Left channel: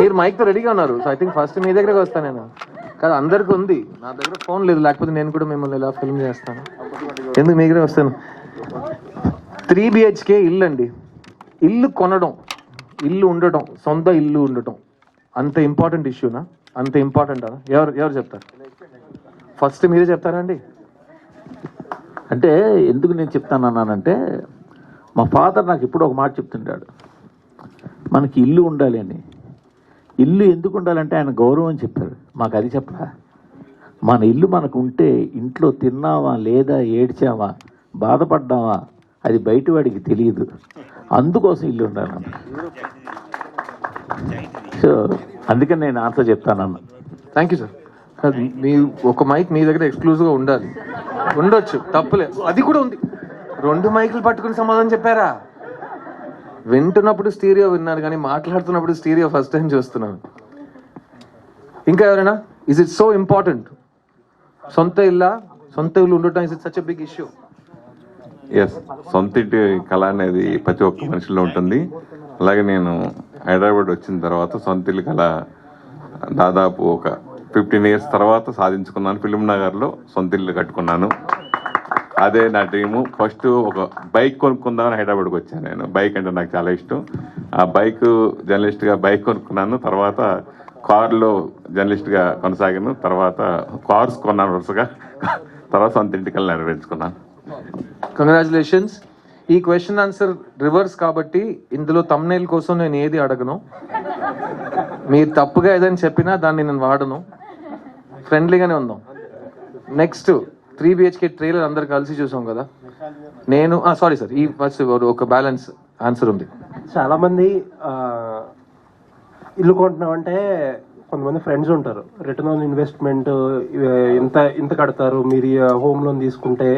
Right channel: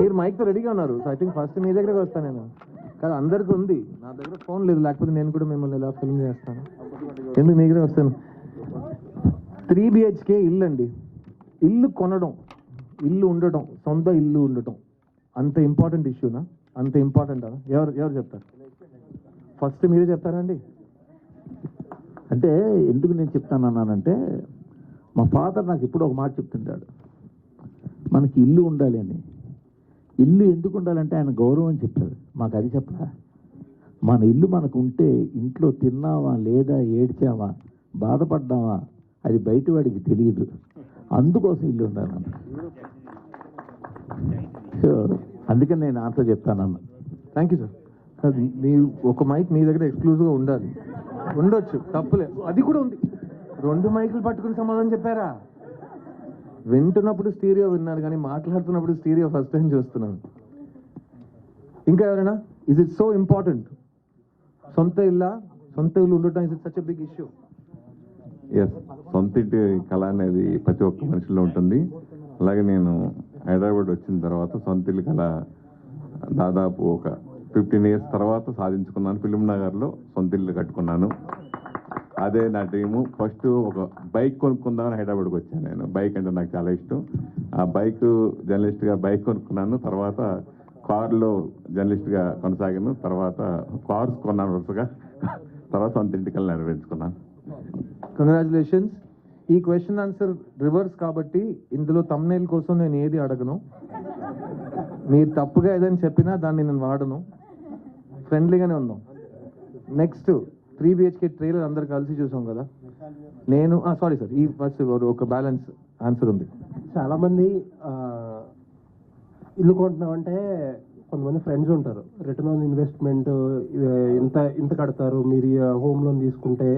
మీరు మైక్తో రెడీగా ఉన్నారు, సో ఐ థింక్ ఫస్ట్ మీ దగ్గరకు వస్తాను నేను. కాదు అందరికీ ఉంది, నా దగ్గర ఫోన్ లేదు, లేకపోతే నేను కూడా మిమ్మల్ని ఇలా ఫిల్మ్ చేస్తాను. ఎందుకు మీ దగ్గర వస్తాను. 3 BHK ఇల్లు అండి. ఇల్లు కొనడం, ఇల్లు ఉండటం, సొంత ఇల్లు ఉండటం అంత ఇంపార్టెంట్ ఇష్యూనా? అంత ఇంపార్టెంట్ అదా? ఎవరు చెప్తారు? ఫస్ట్ మీరే చెప్తారండి. అంటే ఎందుకు నేను చెప్తానన్నానంటే, మా ఫాదర్ నాకు ఇప్పుడు ఒక మాట చెప్తుంటాడు, మనకి ఇల్లు ఉండాలి అని. ఇల్లు ఎందుకు ఉండాలంటే ఆయన గౌరవం అని చెప్పారు, మాకు అది చెప్పరా. మన ఇల్లు మనకు ఉంటే ఇంట్లో తిన్నావా లేదా, ఏడ్చావా, బాధపడ్డావా, అది బయట వాడికి తెలియదు. అందుకోసం ఇల్లు ఉండాలన్న. సో అందుకని నేను ఆన్సర్ చెప్తానన్న. Thank you sir. మీ ఒక మైక్ మీ దగ్గర ఎక్స్క్లూజివ్గా ఉండాలి, ఉండొచ్చు, తప్పులేదు, అది కూడా ఉంది. 2 మైకులు పట్టుకుని సమాధానం చెప్పారా? వింటున్నప్పుడు స్టీరియో విన్నారు, కానీ మాట్లాడుతున్నప్పుడు స్టీరియో ఫస్ట్ టైం చూస్తున్నాను. ఇంకా ఎవరైనా? Is it so important? సొంత ఇల్లు ఉండటం is it such a big issue? Yes, సొంత ఇంటి కళ అనేది ప్రతి ఒక్క మనిషిలో ఉంటుంది. అలాగే నేను హైదరాబాద్ వచ్చిన తర్వాత సొంత ఇల్లు కళ దాదాపు ఒక 15 years తర్వాత సాధించుకున్నాను. ఫిల్మ్ నగర్లో సొంత ఇల్లు కట్టుకున్నాను. అదే నా డ్రీము. ఫస్ట్ ఒక బైక్ కొనుక్కుందామని హైదరాబాద్కి వచ్చాను. నేను బైక్ అంటే నాకు చాలా ఇష్టం. ఆ బైక్ జర్నలిస్ట్గా బైక్ కొనుక్కున్నాను. తర్వాత కార్లో జర్నలిస్ట్గా కొనసాగాను. తర్వాత కార్స్ కొన్నాను వరుసగా. తర్వాత సొంత ఇంటికల్లా నెరవేర్చుకున్నాను. కంగ్రాచులేషన్స్. ఈ క్వశ్చన్ ఆన్సర్ రివర్స్ కాబట్టి ఇందులో తమ్నైల్ కోసం నేను ఏది అడగను. మీరు తప్పుగా ఏదైనా చెప్పినా దాన్ని నేను వాడను. ఫ్రెండ్లీగానే ఉందాం. నెక్స్ట్ 3 BHK ట్రైలర్ అందరు కలిసి చూసాం కదా. నేను సారీ సార్, ఈ ఫస్ట్ ఒక బ్యాలెన్స్ ఆన్సర్ ఉంది. చాలామంది ఇల్లు కొంటున్నామంటే కొంతమంది ఫ్రెండ్స్ ఉంటారు, రిటర్న్ ఆన్ ఇన్వెస్ట్మెంట్ ఇంత కడతారు, మీరు హోమ్ లోన్ తీసుకుంటే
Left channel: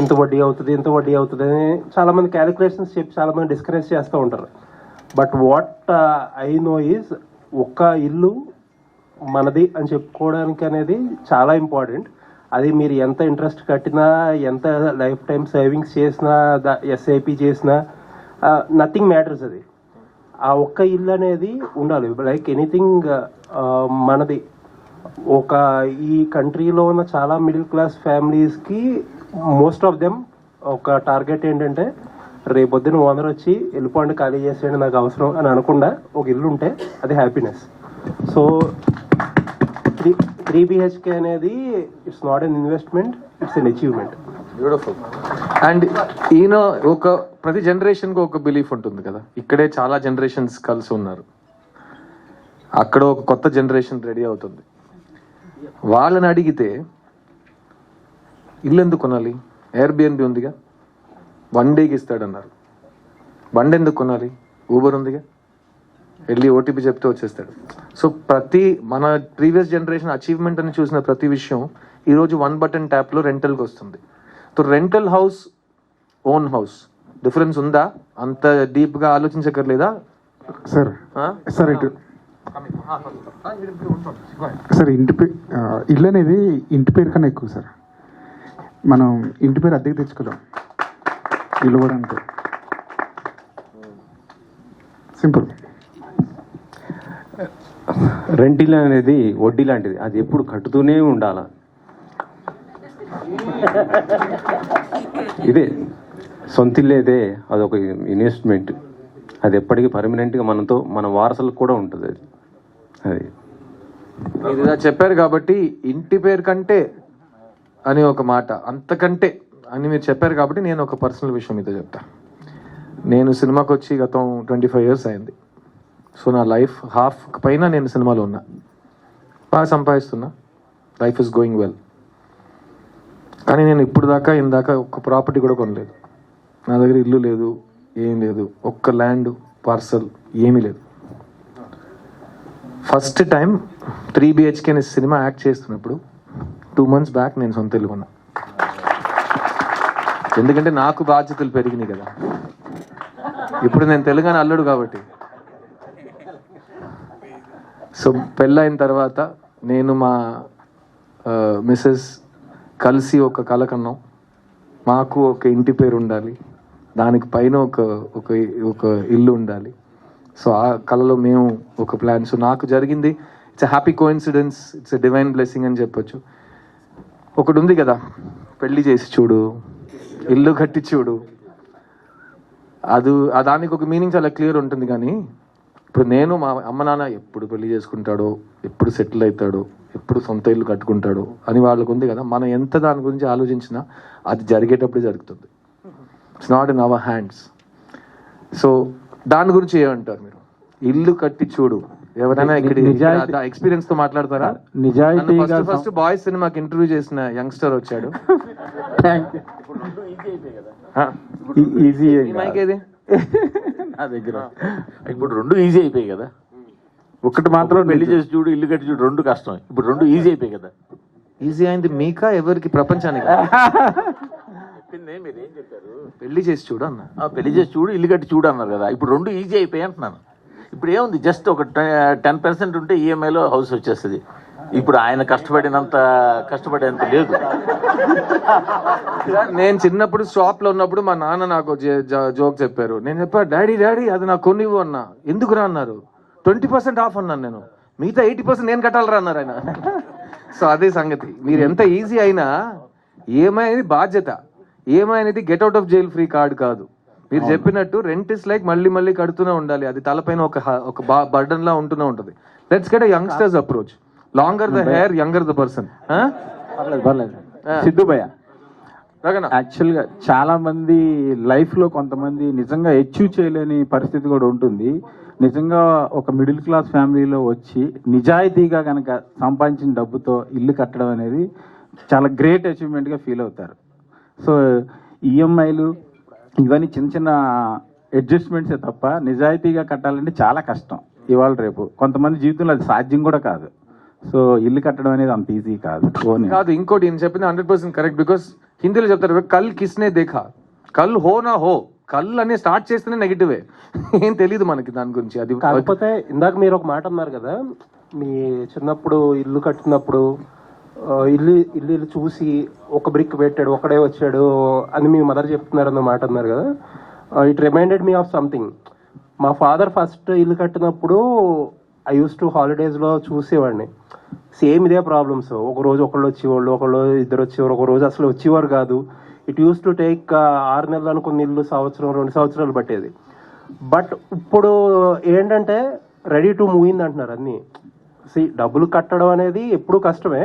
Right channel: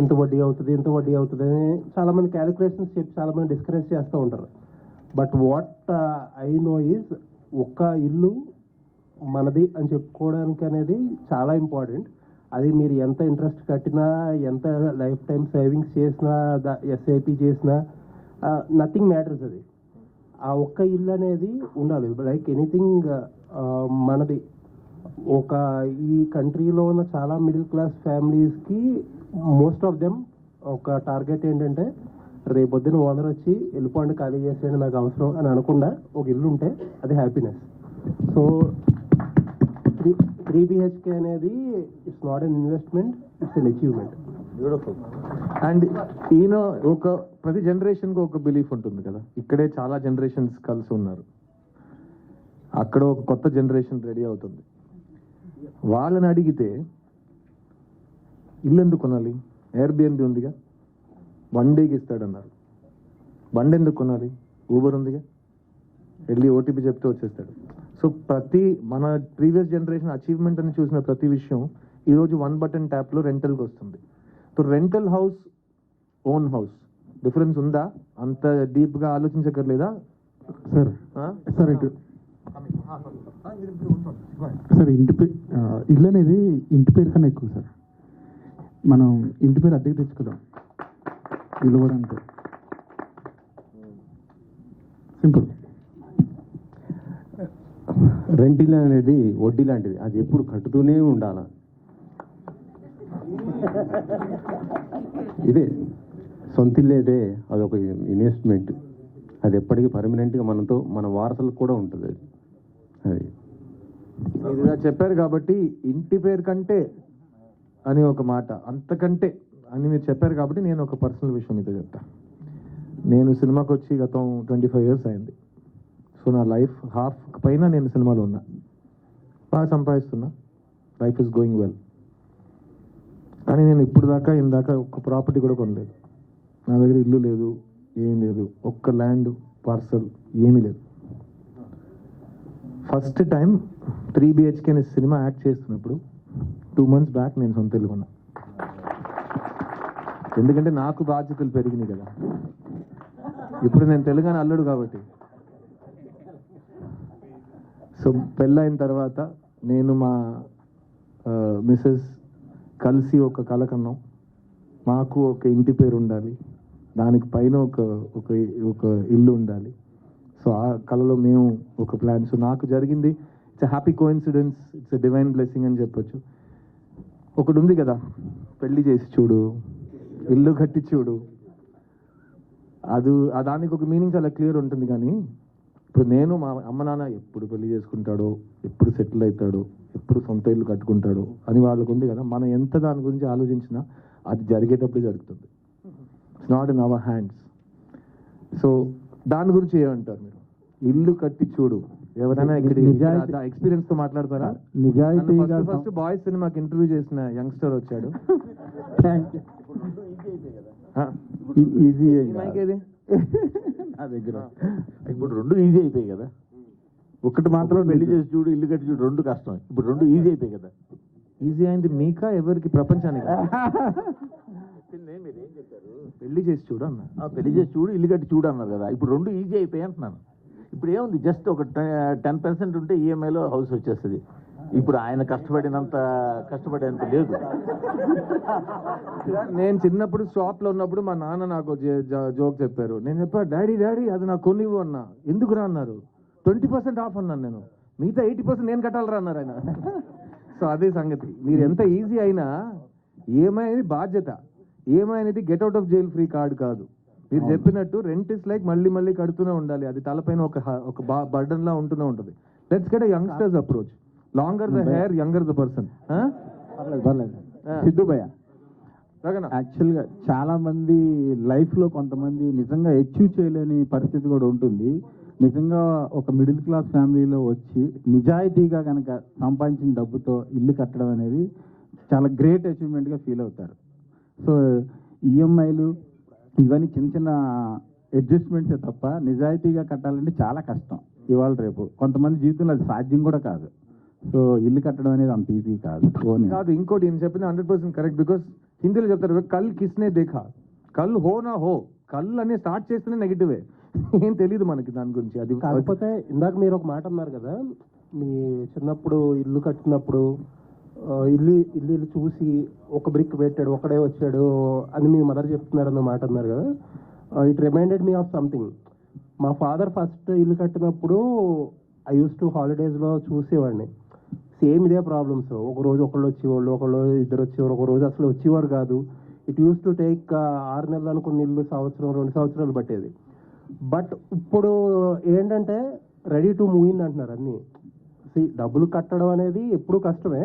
ఇంత వడ్డీ అవుతుంది అని చాలామంది క్యాలిక్యులేషన్స్ చెప్పి చాలామంది డిస్కరేజ్ చేస్తూ ఉంటారు. But what I know is, ఒక్క ఇల్లు మనది అని చెప్పుకోవడానికి అనేది చాలా ఇంపార్టెంట్. అది మీరు ఎంత ఇంట్రెస్ట్ కట్టినా, ఎంత లైఫ్ టైం సేవింగ్స్ చేసినా, SIP చేసినా, నథింగ్ మ్యాటర్స్. అది ఆ ఒక్క ఇల్లు అనేది ఉండాలి. లైక్ ఎనీథింగ్ మనది. ఈ కంట్రీలో ఉన్న చాలా మిడిల్ క్లాస్ ఫ్యామిలీస్కి మోస్ట్ ఆఫ్ దెమ్ ఒక టార్గెట్ ఏంటంటే, రేపొద్దున ఓనర్ వచ్చి వెళ్ళిపోండి, ఖాళీ చేసేయండి, నాకు అవసరం అని అనకుండా ఒక ఇల్లు ఉంటే అది హ్యాపీనెస్. సో 3 BHK అనేది it's not an investment, it's an achievement. Beautiful. And ఈయన ప్రతి జనరేషన్కి ఒక బిలీఫ్ ఉంటుంది కదా. ఇక్కడే చాలా జనరేషన్స్ కలిసి ఉన్నారు, అక్కడ ఒక కొత్త జనరేషన్ రెడీ అవుతుంది. వాళ్ళని అడిగితే ఇల్లు ఎందుకు కొనాలి? Airbnb ఉందిగా, 1 dayకి ఇస్తాడన్నారు. బండి ఎందుకు కొనాలి? ఊబర్ ఉందిగా, వెళ్ళి OTP చెప్తే వచ్చేస్తాడు. సో మన ప్రీవియస్ జనరేషన్ అచీవ్మెంట్ అని చూసిన ప్రతి విషయం ఈరోజు 1 button ట్యాప్లో రెంటల్కి వస్తుంది. So rental house, own house difference ఉందా? అంత డీప్గా ఆలోచించక్కర్లేదా సార్? సార్ సార్ ఇల్లు అనేది ఇంటి పేరు కన్నా ఎక్కువ సార్. మనం ఇంటి పేరు అద్దెకి తెచ్చుకోదాం, ఇల్లు కూడా అంతే సింపుల్. రెంట్ ఇల్లు అనేది వడ్డీ లాంటిది, అది ఎప్పుడు కట్టుతూనే ఉండాల. ఇదే సొంత ఇల్లు అయితే అదొక ఇన్వెస్ట్మెంట్, అది ఎప్పటికీ పర్మనెంట్గా మన వారసులకు కూడా ఉంటుంది. అది మీరు ఇలా చెప్పారు కాబట్టి ఇంటి పేరు కంటే అని ఒక మాట, అంతకంటే అని మీరు చెప్పారు కాబట్టి నేను ఒక పర్సనల్ విషయం మీతో చెప్తా. నేను సినిమాకి వచ్చి గతం 25 years అయింది. సో నా లైఫ్ హాఫ్ పైన నేను సినిమాలో ఉన్నా, బాగా సంపాదిస్తున్నా, లైఫ్ ఇస్ గోయింగ్ వెల్. కానీ నేను ఇందాక ఒక్క ప్రాపర్టీ కూడా కొనలేదు. నా దగ్గర ఇల్లు లేదు, ఏం లేదు, ఒక్క ల్యాండ్ పార్సల్ ఏమీ లేదు. ఫస్ట్ టైం 3 BHK అనే సినిమా యాక్ట్ చేస్తున్నప్పుడు 2 months బ్యాక్ నేను సొంత ఇల్లు కొన్నా. ఎందుకంటే నాకు బాధ్యతలు పెరిగినాయి కదా. ఇప్పుడు నేను తెలంగాణ అల్లుడు కాబట్టి. సో పెళ్ళైన తర్వాత నేను మా మిస్సెస్ కలిసి ఒక కల కన్నాం, మాకు ఒక ఇంటి పేరు ఉండాలి, దానికి పైన ఒక ఇల్లు ఉండాలి. సో ఆ కళలో మేము ఒక ప్లాన్. సో నాకు జరిగింది it's a happy coincidence, it's a divine blessing అని చెప్పొచ్చు. ఒకటి ఉంది కదా, పెళ్లి చేసి చూడు, ఇల్లు కట్టి చూడు, దానికి ఒక మీనింగ్ చాలా క్లియర్ ఉంటుంది. కానీ ఇప్పుడు నేను మా అమ్మ నాన్న ఎప్పుడు పెళ్లి చేసుకుంటాడో, ఎప్పుడు సెటిల్ అవుతాడో, ఎప్పుడు సొంత ఇల్లు కట్టుకుంటాడో అని వాళ్ళకు ఉంది కదా. మనం ఎంత దాని గురించి ఆలోచించినా అది జరిగేటప్పుడే జరుగుతుంది. It's not in our hands. So దాని గురించి ఏమంటారు మీరు? ఇల్లు కట్టి చూడు, ఎవరైనా ఇక్కడ ఎక్స్పీరియన్స్ తో మాట్లాడతారా? నిజాయితీగా ఫస్ట్ బాయ్స్ సినిమాకి ఇంటర్వ్యూ చేసిన యంగ్స్టర్ వచ్చాడు. ఈజీ మైక్ ఏది? నా దగ్గర ఇప్పుడు 2 ఈజీ అయిపోయాయి కదా. ఒకటి మాత్రం పెళ్లి చేసి చూడు, ఇల్లు కట్టి చూడు 2 కష్టం. ఇప్పుడు 2 ఈజీ అయిపోయాయి కదా. ఈజీ అయింది మీకా ఎవరికి? ప్రపంచానికి. మీరు ఏం చెప్పారు? పెళ్లి చేసి చూడు అన్న. పెళ్లి చేసి చూడు, ఇల్లు కట్టి చూడు అన్నారు కదా. ఇప్పుడు 2 ఈజీ అయిపోయాయి అంటున్నాను. ఇప్పుడు ఏముంది, జస్ట్ ఒక 10% ఉంటే ఈఎంఐలో హౌస్ వచ్చేస్తుంది. ఇప్పుడు ఆయన కష్టపడేంత లేదు. నేను చిన్నప్పుడు షాప్ లో ఉన్నప్పుడు మా నాన్న నాకు జోక్ చెప్పారు. నేను చెప్పా, డాడీ అది నాకు కొనివ్వు అన్నా. ఎందుకురా అన్నారు. 20% ఆఫ్ అన్నాను నేను. మిగతా 80% నేను కట్టాలరా అన్నారు ఆయన. సో అదే సంగతి. మీరు ఎంత ఈజీ అయినా ఈఎంఐ అనేది బాధ్యత. ఈఎంఐ అనేది get out of jail free card కాదు. మీరు చెప్పినట్టు రెంట్ ఇస్ లైక్ మళ్ళీ కడుతూనే ఉండాలి. అది తలపైన ఒక బర్డన్ లా ఉంటూనే ఉంటుంది. Let's get a youngsters approach. Longer the hair, younger the person. పర్లేదు సిద్ధు భయ్య, యాక్చువల్గా చాలా మంది లైఫ్లో కొంతమంది నిజంగా అచీవ్ చేయలేని పరిస్థితి కూడా ఉంటుంది. నిజంగా ఒక మిడిల్ క్లాస్ ఫ్యామిలీలో వచ్చి నిజాయితీగా కనుక సంపాదించిన డబ్బుతో ఇల్లు కట్టడం అనేది చాలా గ్రేట్ అచీవ్మెంట్గా ఫీల్ అవుతారు. సో ఈఎంఐలు ఇవన్నీ చిన్న అడ్జస్ట్మెంట్సే తప్ప నిజాయితీగా కట్టాలంటే చాలా కష్టం ఇవాళ రేపు. కొంతమంది జీవితంలో అది సాధ్యం కూడా కాదు. సో ఇల్లు కట్టడం అనేది అంత ఈజీ కాదు. ఇంకోటి నేను చెప్పింది 100% కరెక్ట్. బికాస్ హిందీలో చెప్తారు, కల్ కిస్నే దేఖా, కల్ హో నా హో. కల్ అనే స్టార్ట్ చేస్తేనే నెగిటివే. ఏం తెలియదు మనకి దాని గురించి. అది కాకపోతే ఇందాక మీరు ఒక మాట అన్నారు కదా, మీ చిన్నప్పుడు ఇల్లు కట్టినప్పుడు ఇల్లు చూసి ఒక బ్రిక్ పెట్టాడు, ఒకడే వచ్చాడు అని మీ మదర్ చెప్తున్నారు అన్న మాట అన్నారు కదా. It reminded me of something. మా ఫాదర్ ఫస్ట్ ఇల్లు కట్టినప్పుడు ఐ యూస్ టు హాలిడేస్లో చూసేవాడిని. సేమ్ ఇదే ప్రాబ్లమ్స్. ఒక రోజు ఒకళ్ళు వచ్చేవాళ్ళు, ఒకళ్ళు ఇద్దరు వచ్చేవారు, ఒక రోజు అసలు వచ్చేవారు కాదు. ఇట్ యూస్ టు టేక్ 6 నెలలు అనుకున్న ఇల్లు సంవత్సరం 2 సంవత్సరాలు పట్టేది. బట్ ఇప్పుడు ఏంటంటే రెడీ టు మూవ్ ఇన్ అంటున్నారు అన్నీ. డబ్బులు కట్టడం అనేది ఎప్పుడూ కష్టమే,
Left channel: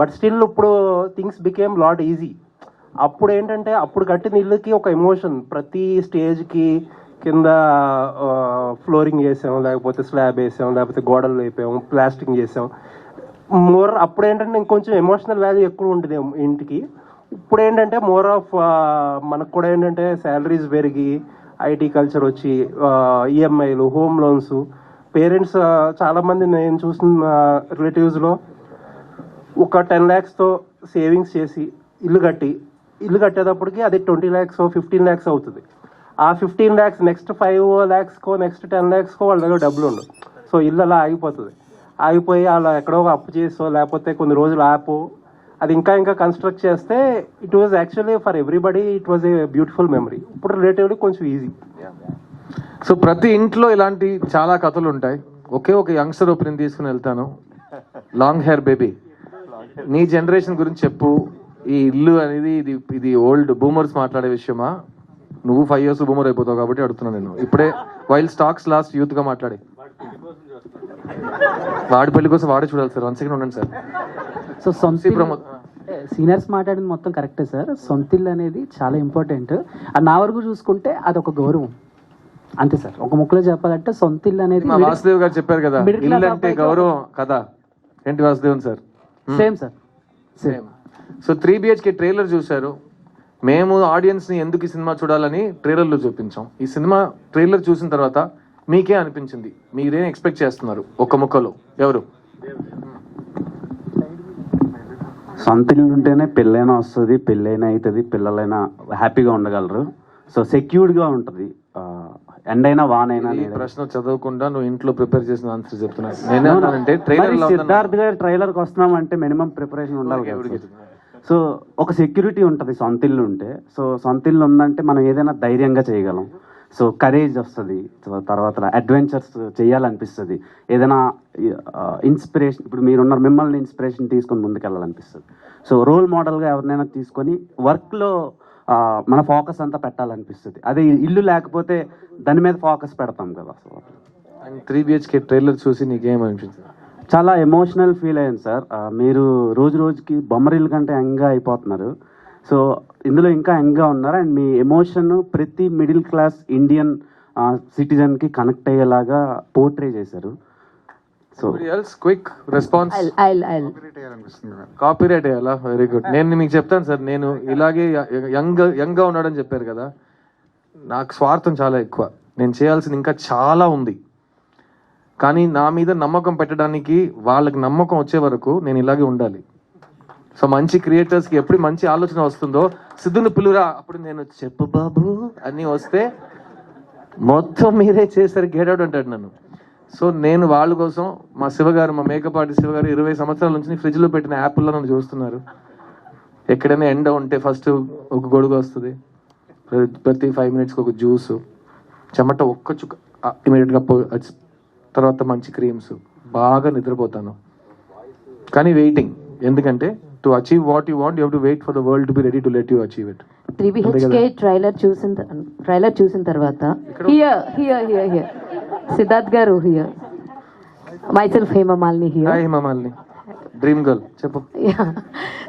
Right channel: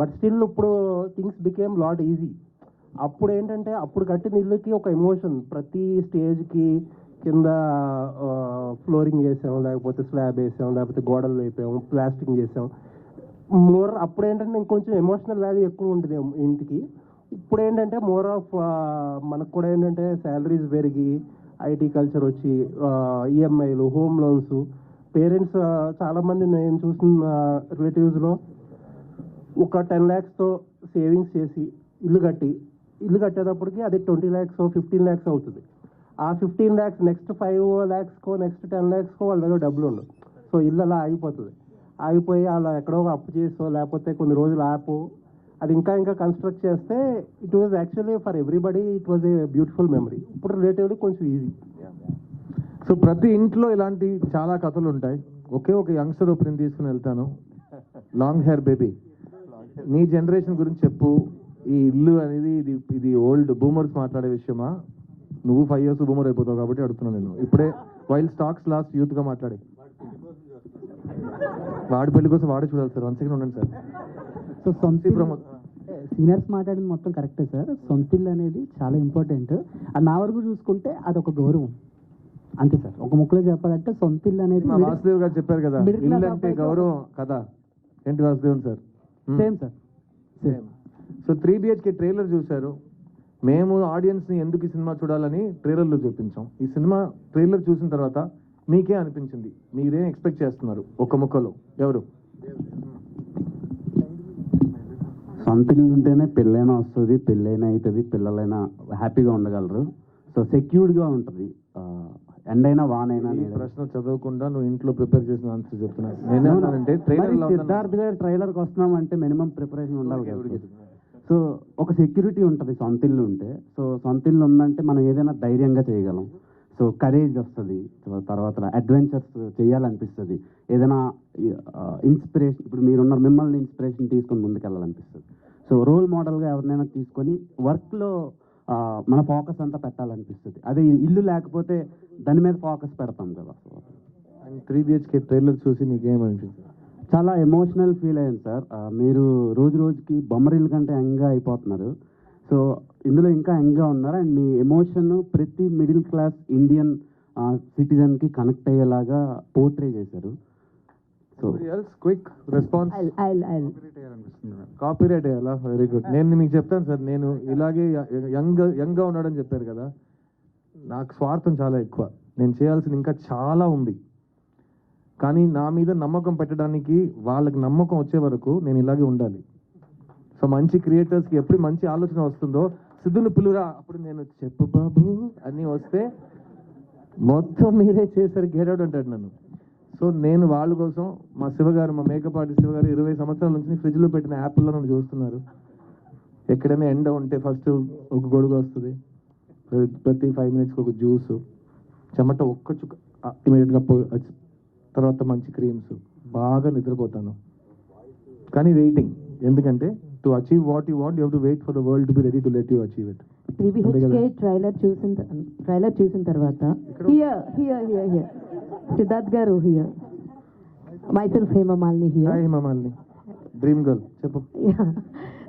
బట్ స్టిల్ ఇప్పుడు థింగ్స్ బికేమ్ లాట్ ఈజీ. అప్పుడు ఏంటంటే అప్పుడు కట్టిన ఇల్లుకి ఒక ఎమోషన్. ప్రతి స్టేజ్కి కింద ఫ్లోరింగ్ వేసాం, లేకపోతే స్లాబ్ వేసాం, లేకపోతే గోడలు వేపాం, ప్లాస్టింగ్ చేసాం. అప్పుడు ఏంటంటే ఇంకొంచెం ఎమోషనల్ వాల్యూ ఎక్కువ ఉంటుంది ఇంటికి. ఇప్పుడు ఏంటంటే మోర్ ఆఫ్ మనకు కూడా ఏంటంటే శాలరీస్ పెరిగి ఐటీ కల్చర్ వచ్చి ఈఎంఐలు, హోమ్ లోన్స్, పేరెంట్స్ చాలామంది నేను చూసిన రిలేటివ్స్లో ఒక 10 lakhsతో సేవింగ్స్ చేసి ఇల్లు కట్టేటప్పటికి అది 20 lakhs 15 lakhs అవుతుంది. ఆ 15 lakhs నెక్స్ట్ 5 lakhsకో నెక్స్ట్ 10 lakhsకో వాళ్ళ దగ్గర డబ్బులు ఉండవు. సో ఇల్లు అలా ఆగిపోయి అలా ఎక్కడో అప్పు చేసో లేకపోతే కొన్ని రోజులు అది ఇంకా కన్స్ట్రక్ట్ చేస్తే it was actually for everybody it was a beautiful memory. ఇప్పుడు రిలేటివ్లీ కొంచెం ఈజీ. సో ప్రతి ఇంట్లో ఇలాంటి చాలా కథలు ఉంటాయి. ఒక యంగ్స్టర్ ఒపీనియన్ తీసుకుని వెళ్తాను. లాంగ్ హెయిర్ బేబీ, నీ జనరేషన్ గురించి చెప్పు. ఈ ఇల్లు అనేది ఇది ఓల్డ్ బూమర్స్ మాట్లాడే విషయమా? నువ్వు 5 years బూమర్ అయిపోతావు కాబట్టి అడుగుతున్నాను నేను. ఇప్పుడే వైల్డ్ స్టాక్స్ లాస్ట్ యూత్గా మాట్లాడి వాడి పెళ్లి కోసం వాడే చూడాలి సార్. 1 second ఉండండి సార్. సో సీనియర్స్ మాట్లాడింది మొత్తం కరెక్టే సార్. సొంతిల్లు అనేది చాలా ఇంపార్టెంట్. అది నా వరకు చూసుకుంటే అది ఒక గౌరవం అంతే సార్. ఒక ముక్కలో చెప్పాలంటే సొంతిల్లు అనేది మా వాసుదేవ్ గారు చెప్పారు కదా, ఇల్లు అంటే గౌరవం కదా. ఏంటి Vasudevan sir? Same sir, same. So 3 BHK trailer చూశారు. మేము ఆడియన్స్ని ఎందుకు ఈ సినిమా చూడాలని ట్రైలర్లో చూపించాం. ఈ సినిమా ట్రైలర్ చూసిన తర్వాత మీకే అనిపించింది? మీరేం ఎక్స్పెక్ట్ చేస్తున్నారు? ఒక ముక్కలో ఎవరు? సొంత ఇల్లు ఉంటేనే పెళ్ళైనా వస్తుంది, పెళ్ళైనా అవుతుంది, పిల్లలైనా హ్యాపీగా ఉండగలరు. సో సెక్యూర్డ్గా ఉంటుంది. ఎండైనా వానైనా. ప్రశ్న చదవకుండా నువ్వు ఇంట్లో ప్రిపేర్ చేసిన ఆన్సర్ చెప్తున్నాను. నేనేమంటే సిద్ధార్థ్ గారి ట్రైలర్కి వస్తున్నామంటే మినిమం ప్రిపరేషన్ ఉండాలి. సో ఒక సెక్యూరిటీ ఉంటుంది సొంత ఇల్లు ఉంటే. సో సొంత ఇల్లు ఉందంటే మనం ఏదైనా ధైర్యంగా చేయగలం. సో కరేజ్ వస్తుంది, తర్వాత అడ్వెంచర్స్ చేయాలనిపిస్తుంది, ఏదైనా ఇన్స్పిరేషన్, ఇప్పుడు మీరున్నారు, మిమ్మల్ని ఇన్స్పిరేషన్ తీసుకొని ముందుకెళ్ళాలనిపిస్తుంది. సో రోల్ మోడల్గా ఎవరినైనా తీసుకొని వర్క్లో మన ఫోకస్ అంతా పెట్టాలనిపిస్తుంది. అదే ఇల్లు లేకపోతే దాని మీద ఫోకస్ పెడతాం కదా. సో అండ్ 3 BHK ట్రైలర్ చూసి నీకేమనిపించింది? చాలా ఎమోషనల్ ఫీల్ అయ్యాను సార్. మీరు రోజు రోజుకి బొమ్మరిల్లు కంటే యంగ్గా అయిపోతున్నారు. సో ఇందులో ఇంకా యంగ్గా ఉన్నారు. అండ్ మీ ఎమోషన్ ప్రతి మిడిల్ క్లాస్ ఇండియన్ సిటిజన్కి కనెక్ట్ అయ్యేలాగా పోర్ట్రే చేశారు. So quick response. కాపీరైట్ అయ్యాలా? Very good. నేను మీకు చెప్తాను సార్, నేను ఇలాగే యంగ్గా ఉన్నాడని చెప్పారు కదా, నాకు స్వార్థం చాలా ఎక్కువ. నేను చేయాల్సింది ఇంకా చాలా ఉంది, కానీ నా మీద నమ్మకం పెట్టడానికి వాళ్ళకి నమ్మకం వచ్చే వరకు నేను ఇలాగే ఉండాలి. సో మంచి క్రియేటర్స్కి ఎప్పుడు మంచి ఆలోచన వస్తుందో, సిద్ధుని పిలురా, అప్పుడు నేను చెప్పు బాబు అని వస్తే మొత్తం మీరే చేశారు, గేడౌట్ అంటాడు నన్ను. సో నేను వాళ్ళ కోసం, మా శివగారు, మా మేకప్ ఆర్టిస్ట్ శివగారు 20 సంవత్సరాల నుంచి ఫ్రిడ్జ్లో పెట్టిన యాపిల్లో నన్ను చూస్తున్నారు. ఎక్కడైనా ఎండ ఉంటే ఫస్ట్ ఒక గొడుగు వస్తుంది, ప్రతి 5 మినిట్స్కి ఒక జ్యూసు, చెమట ఒక్క చుక్క ఇమీడియట్గా తర్వాత మంచి క్రీమ్స్, బాగా నిద్రపోతాను. కానీ వెయిటింగ్, ఎందుకంటే to achieve what you want you have to wait for the world to be ready to let you achieve it. 3 BHK trailer చూసిన తర్వాత here Siddharth garu, here myself Hemamalini here. Hi Hemamalini, dream girl, చెప్పు.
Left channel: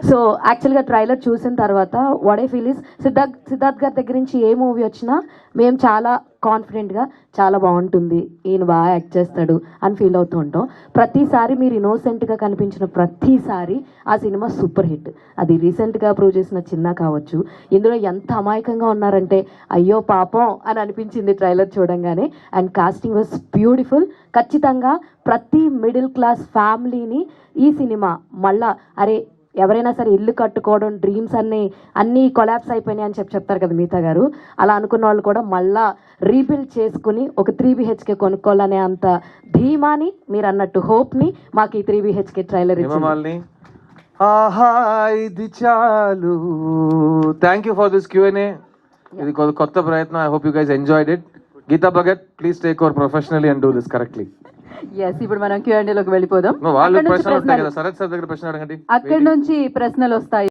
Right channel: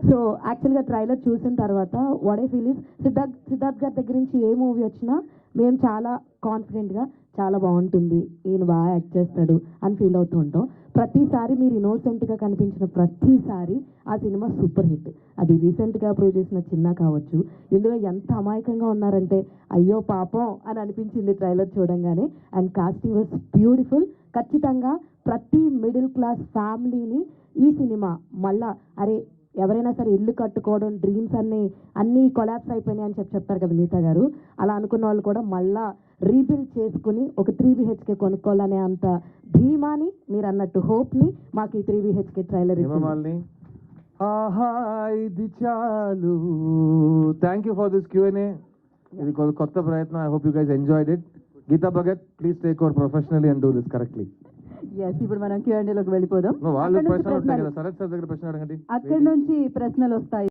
So యాక్చువల్గా trailer చూసిన తర్వాత what I feel is, Siddharth గారి దగ్గర నుంచి ఏ movie వచ్చినా మేము చాలా కాన్ఫిడెంట్గా చాలా బాగుంటుంది, ఈయన బాగా యాక్ట్ చేస్తాడు అని ఫీల్ అవుతూ ఉంటాం. ప్రతిసారి మీరు ఇన్నోసెంట్గా కనిపించిన ప్రతిసారి ఆ సినిమా సూపర్ హిట్. అది రీసెంట్గా ప్రూవ్ చేసిన చిన్న కావచ్చు. ఇందులో ఎంత అమాయకంగా ఉన్నారంటే అయ్యో పాపం అని అనిపించింది ట్రైలర్ చూడంగానే. And casting was beautiful. ఖచ్చితంగా ప్రతి మిడిల్ క్లాస్ ఫ్యామిలీని ఈ సినిమా మళ్ళా, అరే ఎవరైనా సరే ఇల్లు కట్టుకోవడం, డ్రీమ్స్ అన్నీ కొలాప్స్ అయిపోయినాయి అని చెప్తారు కదా మిగతా గారు, అలా అనుకున్న వాళ్ళు కూడా మళ్ళా రీబిల్డ్ చేసుకుని ఒక 3 BHK కొనుక్కోవాలనే అంత ధీమాని, మీరు అన్నట్టు హోప్ని మాకు ఈ 3 BHK ట్రైలర్ ఇచ్చింది. ఆహా ఇది చాలు. Thank you for this Q&A. ఇది కొత్త ప్రయత్నం. I hope you guys enjoyed it. Geetha Bhagat, please take over professionally and do this correctly. Yes, ఇప్పుడు మనం Q&A లోకి వెళ్ళిపోదాం. వాళ్ళు ప్రశ్నలు ఉంటాయి కదా, శరత్ సార్ దగ్గర ప్రశ్న అడగండి. అక్కడి నుంచి ప్రశ్నలు వస్తాయి.